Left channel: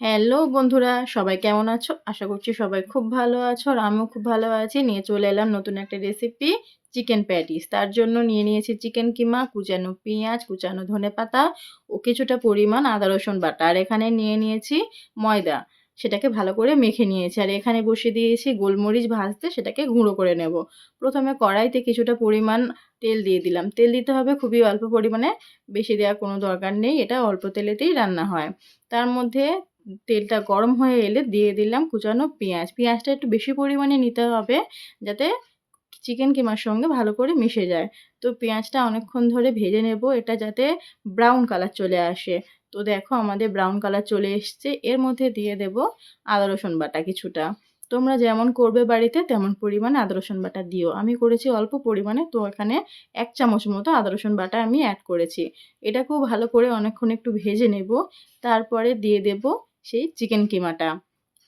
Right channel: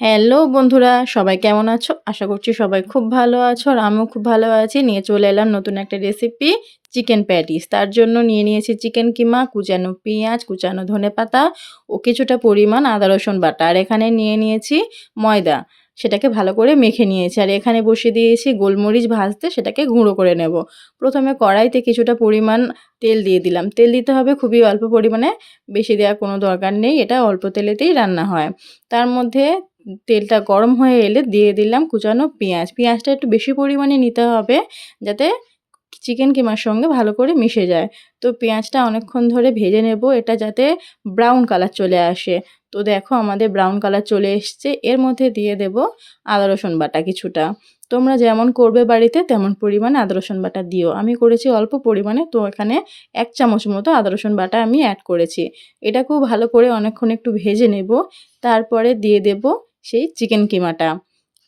Hello বন্ধুরা, সবাই কেমন আছো? আশা করছি সবাই খুব ভালো আছো আর আমিও খুব ভালো আছি। নিয়ে চলে এলাম নতুন একটা রেসিপি চিকেন প্যাটিস। তার জন্য নিয়ে নিয়েছি চিকেন কিমা, কুচানো পেঁয়াজ, কুচানো ধনেপাতা ও কিছুটা পরিমাণ আদা রসুন বাটা। আর এখানে নিয়ে নিয়েছি ময়দা। সেটাকে ভালো করে মেখে নিয়েছি। আর এখানে বসিয়ে দিয়েছি গোলমরিচ ভাজতে, সেটাকে গুঁড়ো করে নেব। প্রথমে কড়াইতে কিছুটা পরিমাণ তেল দিয়ে দিলাম। তেল দিতে হবে খুবই অল্প পরিমাণে, বেশি দেওয়ার কোনো দরকার নেই। এটা অল্প তেলেতেই রান্না হয়। তার মধ্যে তেলটা গরম হয়ে এলে দিয়ে দিলাম কুচানো পেঁয়াজ। পেঁয়াজটা একটু বেশি পরিমাণে নিতে হবে যাতে চিকেন কিমার সঙ্গে ভালো করে মিশে যায়। তো পেঁয়াজটা অনেকক্ষণ ধরে ভেজে নেব, এটা যাতে ব্রাউন কালার চলে আসে। তো দেখো আমাদের ব্রাউন কালার চলে এসছে। এর মধ্যে দিয়ে দেব আদা রসুন বাটা কিছুটা। তোমরা যেমন করবে বাড়িতে তেমন পরিমাণে আদা রসুন বাটা দিও। আমি করেছি অল্প পরিমাণে, তো এখানে ১ চামচ মতো আদা রসুন বাটা আমি অ্যাড করেছি। এটা খুব ভালো করে অনেকক্ষণ একটু ভেজে নেব। তারপরে দিয়ে দেব সেই চিকেন কিমাটা।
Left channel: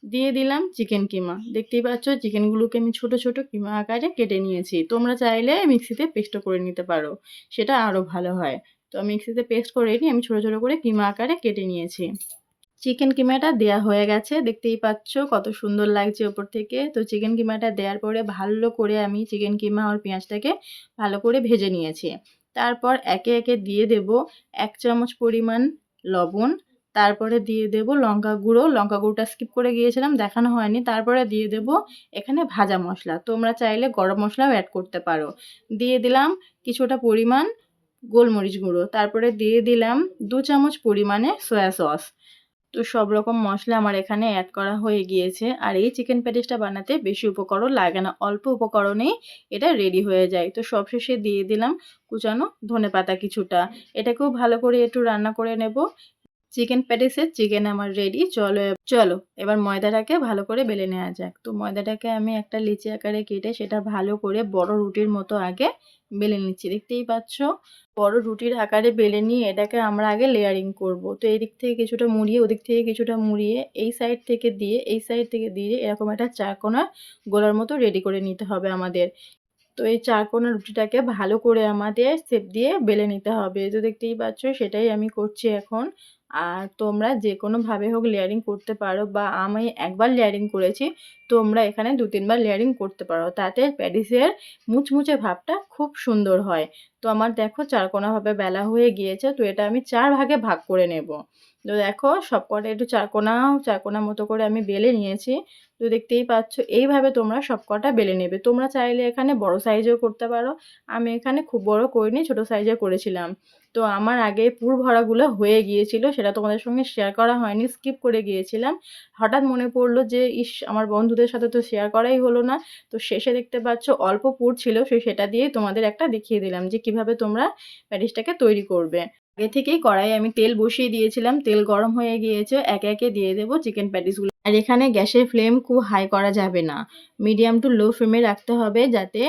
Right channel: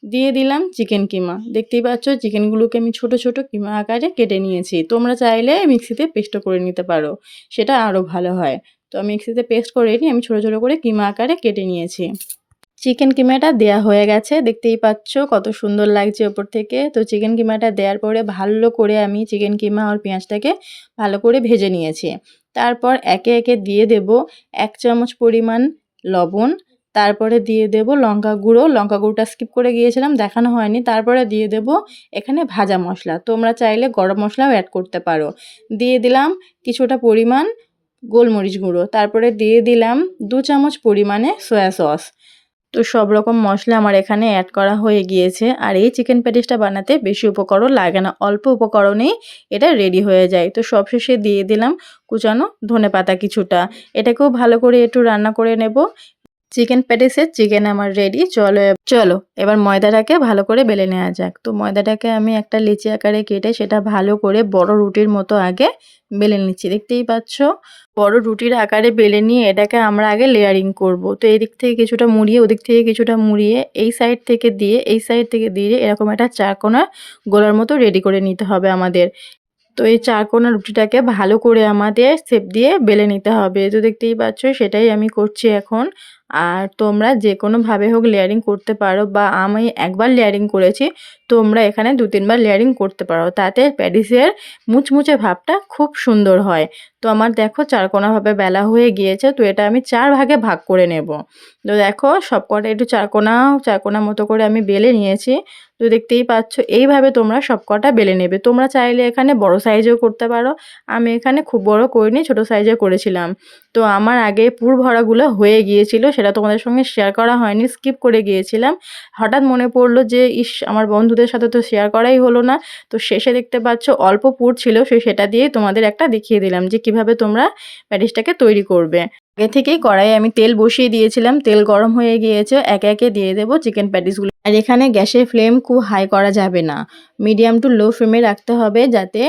দিয়ে দিলাম চিকেন কিমা। দেখতেই পাচ্ছ চিকেনগুলোকে আমি ছোট, ছোট কিমা আকারে কেটে নিয়েছি। তোমরা চাইলে মিক্সিতে পেস্টও করে নিতে পারো। সেটা আরও ভালো হয়। তো মিক্সিতে পেস্ট করে নিয়ে আমি ছোট, ছোট করে কিমা আকারে কেটে নিয়েছি। চিকেন কিমাটা দেয়া হয়ে গেছে। দেখতেই পাচ্ছ কত সুন্দর লাগছে ওপর থেকে। তো চিকেন কিমাটা দেওয়ার পরে ভালো করে আমি চিকেন কিমা আর পেঁয়াজটাকে ভালো করে ভেজে নিয়েছি। তারপর একে, একে দিয়ে দেব ১ চামচ পরিমাণ লবণ। তারপরে দিয়ে দেব লঙ্কা গুঁড়ো। লঙ্কা গুঁড়োটা স্কিপ করে গিয়েছিলাম, দেখানো হয়নি। তারপরে দিয়ে দেব এখানে ভাজা মশলা। তোমরা চাইলে গরম মশলাও অ্যাড করতে পারো। দিয়ে দিলাম কিছুটা পরিমাণ গোলমরিচ গুঁড়ো। তারপরে দিয়ে দিলাম ২ চামচ পরিমাণে সয়া সস। তো সব রকম মশলা আমার এখানে অ্যাড করা হয়ে গিয়েছে। আর এই চিকেন প্যাটিসটা বানাতে বেশি উপকরণ লাগে না, অল্প উপকরণেই এটা রেডি হয়ে যায়। তো সবশেষে দিয়ে দিলাম কুচানো ধনেপাতা কিছুটা। এটাকেও ভালো করে একটু রান্না করে নেব। চিকেন প্যাটিসের চিকেন আমার রেডি। চলো এবার ময়দাটাকে ভালো করে বেলে নেওয়া যাক। তো ময়দাটাকে আমি একটা লিচি আকারে কেটে সেটা ভালো করে বড় রুটির মতো আগে বেলে নিচ্ছি। দেখতেই পাচ্ছ বড় রুটির আকারে বেলে নিয়ে এটাকে আমরা আগে লেয়ারিং করব। তো এই দিক থেকে কিছুটা মুড়িয়ে, ওদিক থেকে কিছুটা মুড়িয়ে, এই সাইড থেকে দিয়ে, এই সাইড থেকে দিয়ে এরকম একটা চারকোনা গোলার মতো রেডি করে নিতে হবে আমাদের। তো এই চারকোনা রুটিটাকে ভালো করে আমাদের শেপ দিয়ে বেলে নিতে হবে। তো দেখতেই পাচ্ছ সেটাই আমি করছি এখন। আর তোমরা যে কোনোভাবে হোক লেয়ারিং করতে পারো, বা আমি একবার লেয়ারিং করেছি, তোমরা এখানে ২-৩ বার লেয়ারিং করতে পারো। তাতে প্যাটিসের মুচমুচে ভাবটা খুব সুন্দর হয়। তো আমার দেখো চারকোনাভাবে বেলা হয়ে গিয়েছে। তো এটা আমি ৪ ভাগে ভাগ করে নেব। তো দেখো সবকটা একটু চারকোনা, চারকোনা মতো করে আমি বেলে নিয়েছি। তো দেখতেই পাচ্ছ এইভাবে তোমরা সবকটা বেলে নেবে। তোমরা চাইলে এখানে বড় সাইজেও করতে পারো। আমি এখানে খুব বড় করিনি, ছোট সাইজে করেছিলাম। তো আমার আগে পুর ভরাগুলো হয়ে গিয়েছিল, সেটা তোমাদের সঙ্গে শেয়ার করা হয়নি, স্কিপ করে গিয়েছিলাম। হঠাৎ মনে পড়লো যে ইস, আমার বন্ধুদের সাথে তো শেয়ার করাই হলো না। তো শেষে দেখতে পাচ্ছ অল্প পুর ছিল, সেটা দিয়েই তোমাদের একটা দেখিয়ে দিলাম যে কিভাবে তোমরা প্যাটিসটাকে তৈরি করবে। আগে থেকেই কড়াইয়ে আমি তেল বসিয়ে দিয়েছিলাম, তেল গরম হয়ে গিয়েছে। একে একে দিয়ে দেবো চিকেন প্যাটিসগুলো। আর এখানে গ্যাসের ফ্লেম খুব হাই করা যাবে না, মিডিয়াম টু লো ফ্লেমে রাখতে হবে যাতে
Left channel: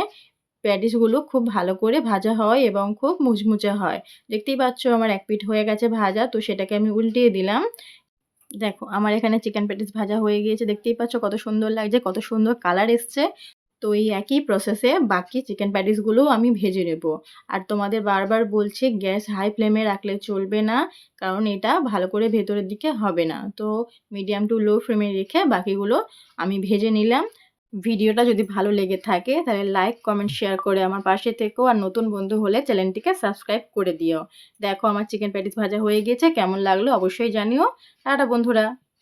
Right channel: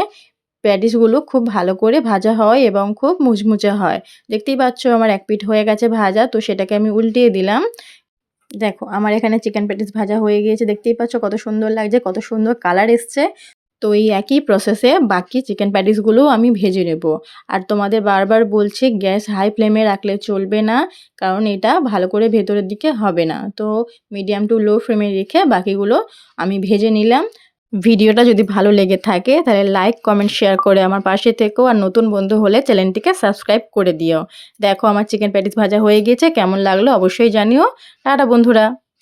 প্যাটিসগুলো খুব ভালো করে ভাজা হয় এবং খুব মুচমুচে হয়। দেখতেই পাচ্ছ আমার এক পিঠ হয়ে গেছে ভাজা। তো সেটাকে আমি উল্টিয়ে দিলাম। দেখো আমার এখানে চিকেন প্যাটিস ভাজা হয়ে গিয়েছে। দেখতেই পাচ্ছ কত সুন্দর লাগছে, কত সুন্দর কালার এসছে। তো এই একই প্রসেসে বাকি চিকেন প্যাটিসগুলোও আমি ভেজে নেব। আর তোমাদের বারবার বলছি গ্যাস হাই ফ্লেমে রাখলে চলবে না, কারণ এটা ভালো করে ভেতরের দিকে হবে না। তো মিডিয়াম টু লো ফ্লেমে রেখে বাকিগুলো আমি ভেজে নিলাম। ভিডিওটা যদি ভালো লেগে থাকে তাহলে লাইক, কমেন্ট, শেয়ার করে আমার পাশে থেকো। আর নতুন বন্ধু হলে চ্যানেলটিকে সাবস্ক্রাইব করে দিও। দেখো আমার চিকেন প্যাটিস ভাজা হয়ে গিয়েছে, কেমন লাগলো অবশ্যই জানিও। টাটা বন্ধুরা।